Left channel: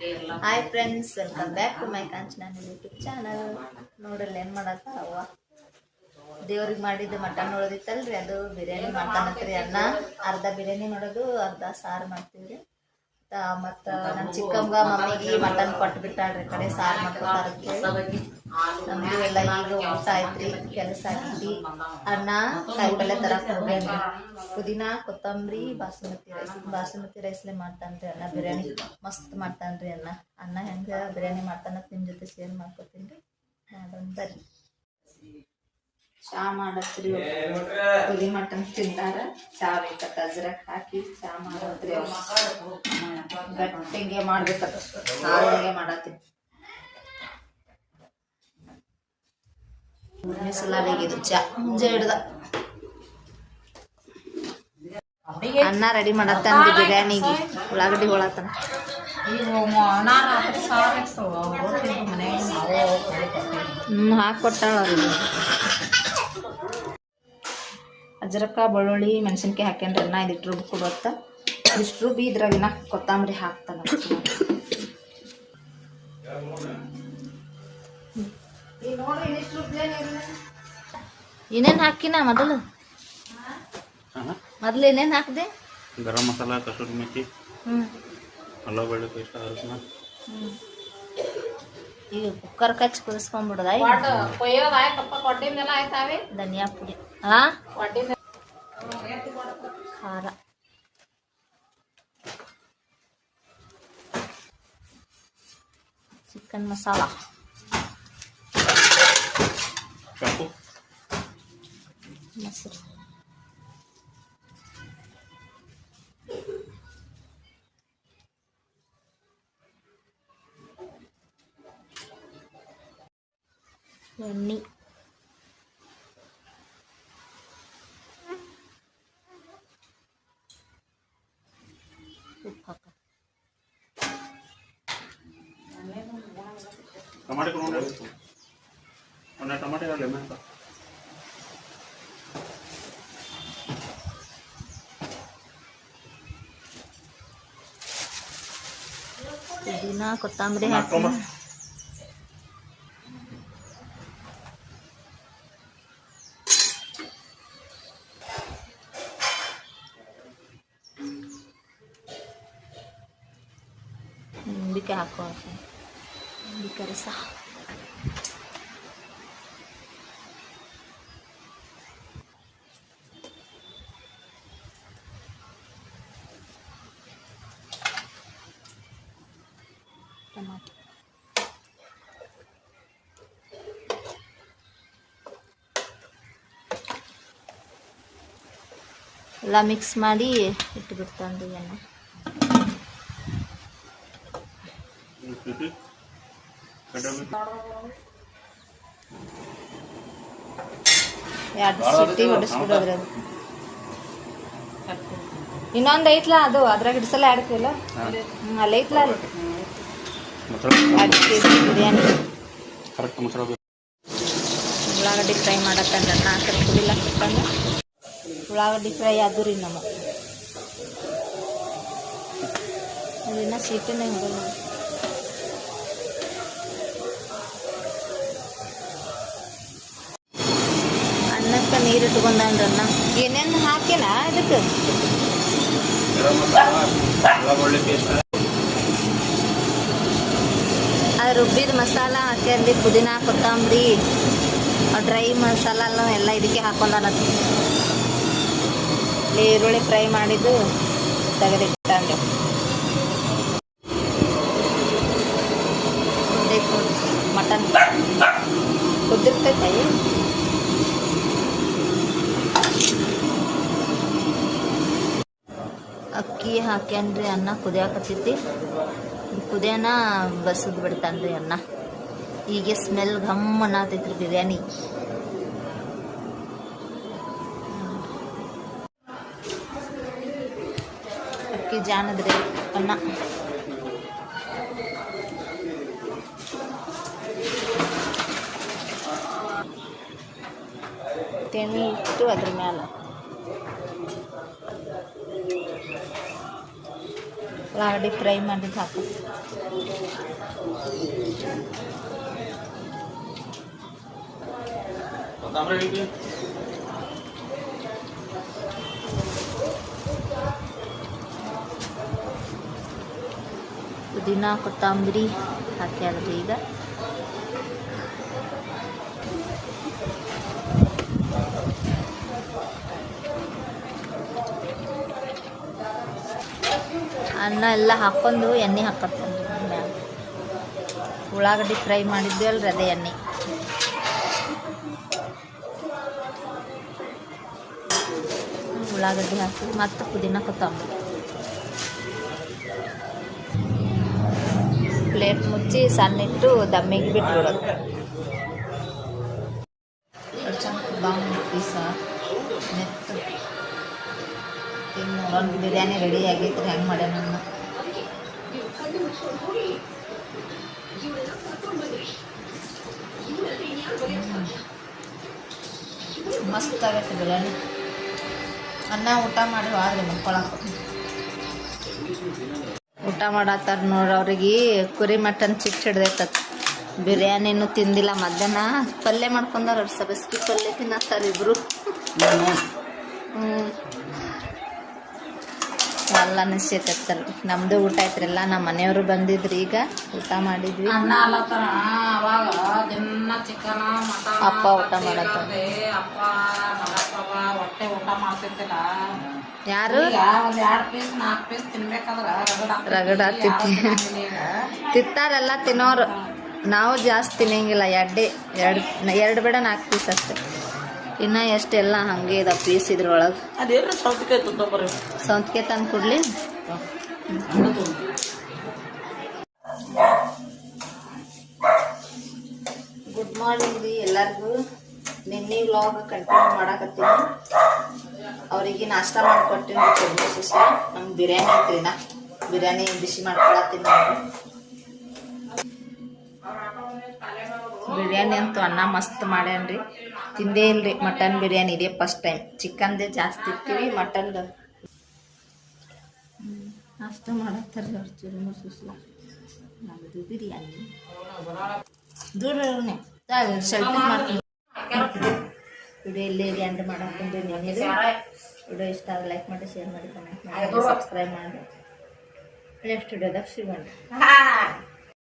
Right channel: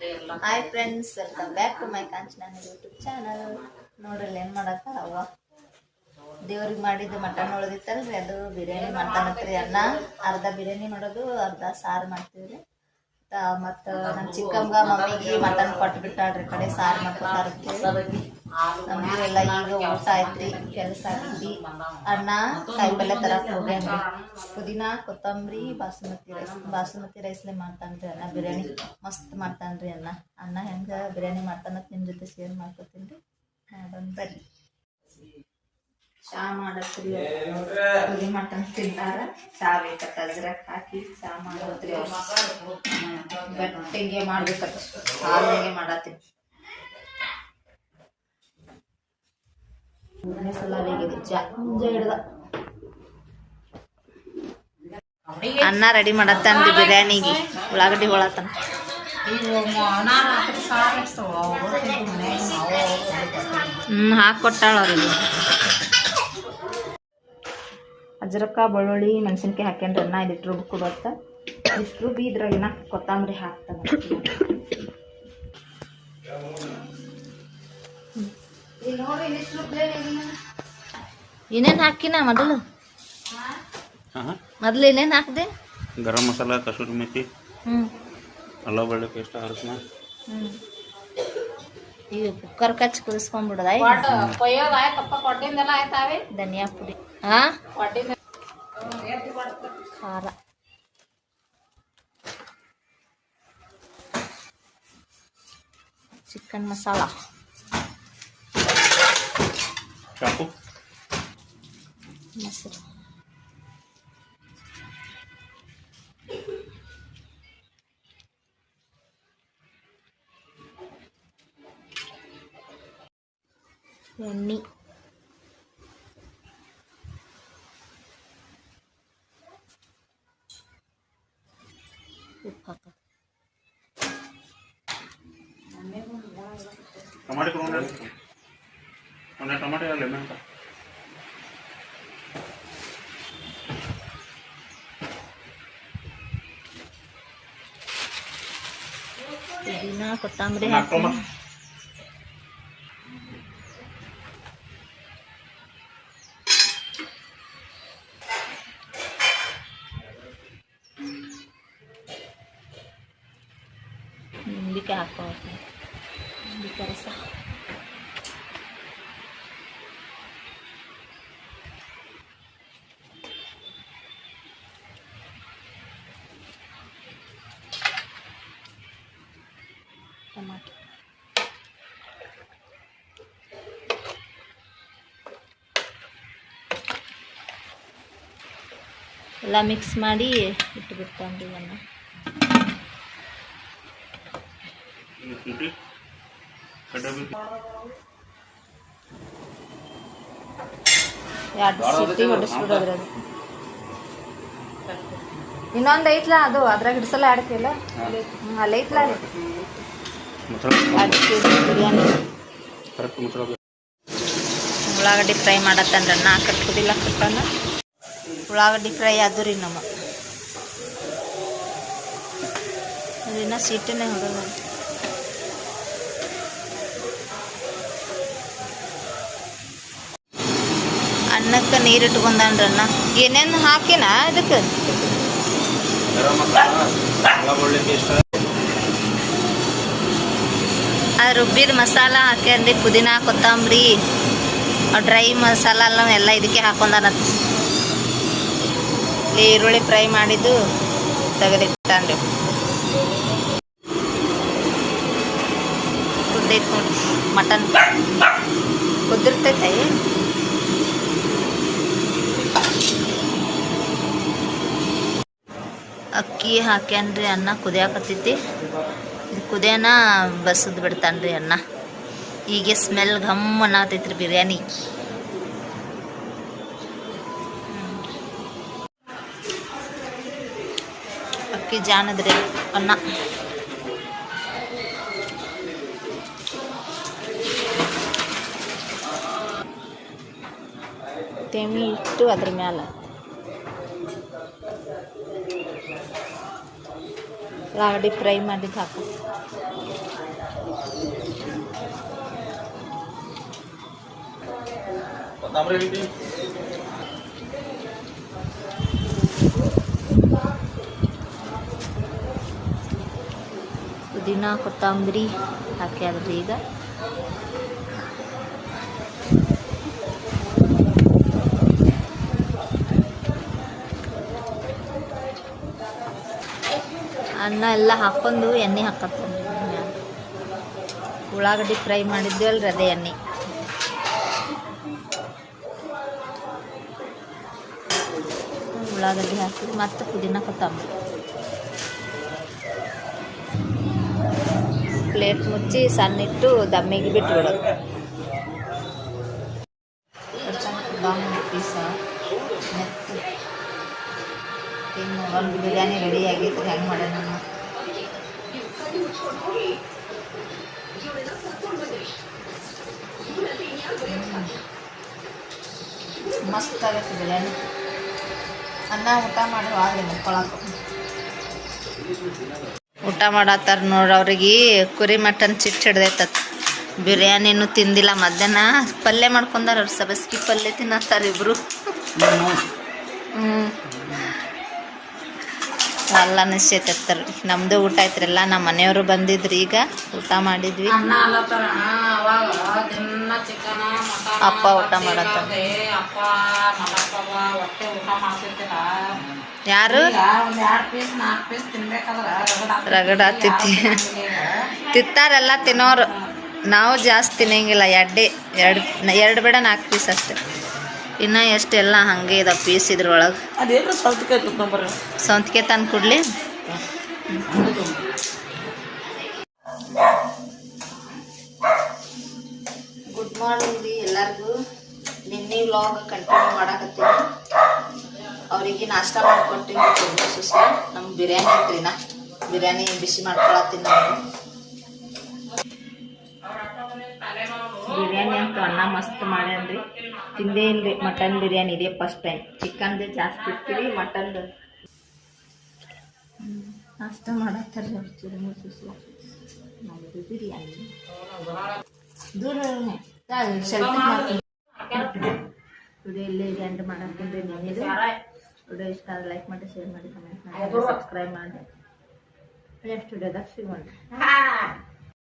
Hi friends, welcome back to my Kanchana YouTube channel. ನೋಡ್ರಿ ಏನು ಮಾಡಕ್ಕ ಅವ್ವ ದೇವ್ರಿಗೆ ಮಾಡಿದ್ದು ಮಟನ್ ಉಳಿದಿತ್ತಲ್ರಿ, ಅದು ಬಿರಿಯಾನಿ ಮಾಡ್ತಾನತ್ರಿ. ಅನ್ನ ಅರ್ಧ ಬಿರಿಯಾನಿ ಮಾಡೋದು, ಅರ್ಧ ಸಾರು ಮಾಡ್ತೀವ್ರಿ. ಮತ್ತು ನನ್ನ ಚಿಕ್ಕಮ್ಮಗ ಮಮ್ಮಿಗೆ ಮಟನ್ ಕೊಟ್ಟು ಬಿಟ್ಟಾಳ್ರಿ, ಕಡೆ ಸಾರು ಮಾಡ್ಕೊತಾರ. ನಮ್ದು ಎಲ್ಲ ಈಗ ಊಟ ಆಯ್ತ್ರಿ, ಕೆಲಸ ಆಗೈತಿ. ಅನ್ನ ಕಾಯಿಪಲ್ಲೆ ತರಕ್ಕೆ ಹೋಗ್ಯಾನ್ರಿ. ಪುದೀನಾ, ಕೊತ್ತಂಬರಿ, ಬಾಸುಮತಿ ರೈಸ್ಲೆ ಮಾಡ್ತಾನ್ರಿ ಅನ್ನ. ಬಿರಿಯಾನಿ ಮಸ್ತ್ ಮಾಡ್ತಾನ್ರಿ ಅನ್ನ ಹೆಂಗೆ ಬಿರಿಯಾನಿ ಮಾಡ್ತಾನ ನಿಮ್ಮ ಜೊತೆ ಶೇರ್ ಮಾಡ್ಕೊತೀನಿ ರೀ. ಮಾಡೋಣ ಬರ್ರಿ. ಚಾ ಮಾಡತ್ರಿ, ಪುದಿ ಮಟನ್ ತಿಂತಾರ. ಚಾ ಬೇಕತ್ತ, ಅಜ್ರಕ್ ಹಾಕಿ ಚಾ ಮಾಡೋದ್ರಿ. ಗಟ್ಟಿಗೆ ಮಾಡ್ಬೇಕತ್ತ, ಹಾಗೆ ಮಾಡತ್ತೀನಿ. ಸಲಾಗಿದು ಚಾ ಮುಂಜೆ ಹಿಡ್ದ. ಅನ್ನ ರೆಡಿ ಮಾಡತ್ತನ್ರಿ ಬಿರಿಯಾನಿಗೆ. ಉಳ್ಳಾಗಡ್ಡಿ ಹೊಳತನ ಹಾಕೊಟ್ಟಾಳ ಅವ್ರಿಗೆ. ಅಜ್ರಕ್ಕ, ಬೆಳ್ಳುಳ್ಳಿ, ಮೆಣಸಿನ್ಕಾಯಿ ಹಾಕ್ಯಾನ್ರಿ. ಅನ್ನ ಇದಿಟ್ಟು ರುಬ್ಬಿ ಕೊಡತ್ತ. ಇಷ್ಟು ರುಬ್ಬಿ ಇದ್ರಾಗಿನ ಕೊತ್ತಂಬರಿ ಹಾಕ್ತಾನ. ಏನೇನು ಹಾಕಿನ ಮೊದಲು ಏನೇನು ಹಾಕಿದೆ? ಗರಂ ಮಸಾಲ, ಕಸೂರಿ ಮೆಥಿ, ಅಲ್ಲ ಬೆಳ್ಳುಳ್ಳಿ ಪೇಸ್ಟ್, ಅರಿಶಿನ. ಈಗ ಕುಕ್ಕರ್ ಕಚ್ಚಿ ಕುದಿಸ್ಕೊಂಡ್ಬಿಡದ. ಧನಿಯಾ ಪುಡಿ, ಖಾರ, ಚಿಕನ್ ಮಸಾಲ, ಮೊಸರು, ಎಣ್ಣೆ, ಉಪ್ಪು ಹಾಕ. ಟೊಮಾಟೊ ಲೆಮನ್ ಪುದೀನಾ, ಕೊತ್ತಂಬರಿ ಹಾಕಿ. ನಿಂಬಿಕಾಯಿ ಹಾಕೋ, ನಿಂಬಿಕಾಯಿ ರಸ. ಟೊಮಾಟೊ ಎಲ್ಲ ಮಿಕ್ಸ್ ಮಾಡಿ ಇಟ್ಬಿಡ್ತಾನ್ರಿ ಅನ್ನ. ಎರಡು ಸಿಟಿ ಹೊಡಿಸ್ಬಿಡೋದ್ರಿ. ಅದು ಇನ್ನೊಂದು ಐತ್ಲ, ಅದು ಅದ್ರಾಗ ಹಿಡ್ಸಲ್ಲ. 2 ಕಿಲೋ ಅಲ್ಲಿ ಐತ್ಲ, ಅಲ್ಲಿ 2 kg ಬಿರಿಯಾನಿ. ಉಳ್ಳಾಗಡ್ಡಿ ಫ್ರೈ ಮಾಡತ್ತನ್ರಿ. ಅನ್ನ ಕರ್ಕುದಿಲ್ಲ, ಕರ್ಕೊಂಡ ಉಳ್ಳಾಗಡ್ಡಿ ಫ್ರೈ ಅದು ರೀ. ನಮ್ಮ ಅದಿನ್ನ ಸೀಟನೇ ಹೊಡಲ್ಲ. ಅನ್ನಕ್ಕೆ ನೀರು ಇಟ್ಕೊಂಡನ್ರಿ. ಅನ್ನ ಏನೇನು ಹಾಕಿನ ಇದಕ್ಕೆ? ಅದು ರುಬ್ಬಿದ ಮಸಾಲ ಹಾಕ್ಯಾನ್ರಿ. ಪುದೀನಾ, ಕೊತ್ತಂಬರಿ, ಡ್ರೈ ಮಸಾಲ ಎಲ್ಲ ಇದಕ್ಕೆ ಹಾಕೊಂಡಾನತ್. ಈರುಳ್ಳಿ ಫ್ರೈ ಮಾಡಿದ್ದು ತೆಗೆದಿಟ್ಟಾನ್ರಿ. ಕುದ್ದೈತೆ ನೋಡ್ರಿ ಮಟನ್, ಕುದ್ದಿರ್ತೈತೆ. ಅಕ್ಕಿ ಹಾಕ್ಯಾನ್ರಿ. ಅನ್ನ ಕುದಿಯಾಕತ್ತೈತಿ. ಇದು ಕುದಿಯೋಣ ಬಸದ್ ಬಿಡ್ತಾನ್ರಿ ಅನ್ನ. ಹೀಗೆ ಸ್ಮೆಲ್ ಘಮ್ ಅನ್ನತೈತ್ರಿ ಬಿರಿಯಾನಿ. ಅಕ್ಕಿ ಜಾನದ್ರಿ ಅನ್ನ. ತೆಮಿ ಇಟ್ಟು ಅದ್ರ ಮ್ಯಾಲ ಉಳ್ಳಾಗಡ್ಡಿ ಫ್ರೈ ಮಾಡಿದ್ದು ಹಾಕು. ಪುದೀನ ಕೊತ್ತಂಬರಿ ಹಾಕ್ಯಾದ್ರಿ ಈಗ. ಅನ್ನ ಎಲ್ಲ ಹಾಕ್ಕೊಂಡು ಎಣ್ಣೆ ಹಾಕತ್ತನ್ರಿ ಮ್ಯಾಲ. ಉಳ್ಳಾಗಡ್ಡಿ ಫ್ರೈ ಮಾಡಿದ್ವಲ್ರಿ ಅದೇ ಎಣ್ಣೆ. ಉಳ್ಳಾಗಡ್ಡಿ ಹಾಕಿ ಮತ್ತು ಪುದೀನ ಕೊತ್ತಂಬರಿ. ಪ್ಲೇಟ್ ಮುಚ್ಚಿ ಸಣ್ಣಿಟ್ಟು ದಮ್ಮಿಗೆ ಬಿಟ್ಬಿಡೋದು. ಪೀಸ ನೆತ್ತು ಇನ್ನು ಒಂದು ಬಿರಿಯಾನಿ ರೆಡಿ ಆಗೈತೆ. ಹೆಂಗೆ ಮಾಡೋಣ ನಾನು ಮಸ್ತ್ ಆಗತ್ತೆ ಬಿರಿಯಾನಿ. ಅನ್ನ ಊಟ ಮಾಡಿ ಹಾಗೆ ಮಕ್ಕಳಕ್ಕೆ ಊಟ ಮಾಡತ್ತಾರ ನೋಡ್ರಿ. ಅವ್ರಿಗೆ ಕುರಿ ಮಟನ್ ಚಿಟ್ಟು ಹಿಡ್ದೈತತ್. ಬಿರಿಯಾನಿನೂ ತಿಂದಿಲ್ಲ. ಮಧ್ಯಾಹ್ನ ಪಲ್ಯ ಮಾಡ್ಕೊಂಡಾರ. ಅವ್ರು ಸಬಸ್ಗಿ ಪಲ್ಯ ತಿನ್ನತ್ತಾರ ಇಬ್ರು. ಎಲ್ಲ ನಿಶ್ಚೈತಾರ. ನಮ್ಮದು ಊಟ ಐತ್ರಿಲ್ಲ. ನಮ್ಮ ಮನೆಯವರು ಬಂದಿದ್ರಿ. ಈಗ ಊಟ ಮಾಡಿದ್ವಿ. ಅಪ್ಪ ಊಟ ಮಾಡತ್ತಾರ. ಯಾರು ರಗಡ ತಿಂತಾರೆಲ್ಲ ತಿನ್ನೋರು. ನಾವು ಜಾಸ್ತಿ ತಿನ್ನಂಗಿಲ್ಲ. ಎರಡು ಬೇಡ 4 ಪೀಸ್ ಅಷ್ಟೆ. ಇನ್ನು ಎಷ್ಟೆಲ್ಲ ಹಾಗೆ ಇದಾವೆ ಪೀಸ್ ಇದ್ರೊಳಗೆ. ಸೌಂತಿಗೆ ತಂದು ಕೊಡ್ಲಿ. ಗುಡ್ ಮಾರ್ನಿಂಗ್ ರೀ ಎಲ್ಲರಿಗೂ. ನಿನ್ನೆ ವ್ಲಾಗ್ ಕಂಟಿನ್ಯೂ ಮಾಡಾಕತ್ತೀನಿ. ಅವರಿಗೆ ನಾಷ್ಟ ಮಾಡಿಕೊಟ್ಟಿನಿ. ನಮ್ಗೆ ಬಿರಿಯಾನಿ ಐತ್ರಿ. ಬಿರಿಯಾನಿ ಬಿಸಿ ಮಾಡ್ಕೊಳತ್ತೀನಿ ನಾನು. ಬಿರಿಯಾನಿ ಅಂತೂ ಅನ್ನ ಮಸ್ತ್ ಮಾಡ್ಯಾನ್ರಿ. ತಿಂದೇ ಇಲ್ರಿ ಮಟನ್ ಬಿರಿಯಾನಿ. ಇದೇ ಫಸ್ಟ್ ಟೈಮ್. ಚಿಕನ್ದೇ ಜಾಸ್ತಿ ಇರ್ತೀವಿ. ಮಟನ್ದು ನಾಷ್ಟ ಮಾಡತ್ತಾರೆ. ಚೂರು ಮೂರು ಸುಸ್ಲ ನಮ್ಮದು ಬಿರಿಯಾನಿ. ದೂರನೇ ಸ್ವಲ್ಪ ಮಾಡ್ತೀನಿ. ವಿಡಿಯೋ ಇಲ್ಲೇ ಎಂಡ್ ಮಾಡಾಕ್ತೀನಿ. ವಿಡಿಯೋ ಇಷ್ಟ ಆದರೆ ಲೈಕ್ ಮಾಡಿ, ಶೇರ್ ಮಾಡಿ, ಕಮೆಂಟ್ ಮಾಡಿ, ಸಬ್ಸ್ಕ್ರೈಬ್ ಮಾಡಿ. ನೆಕ್ಸ್ಟ್ ವಿಡಿಯೋದಾಗ ಸಿಗೋಣ.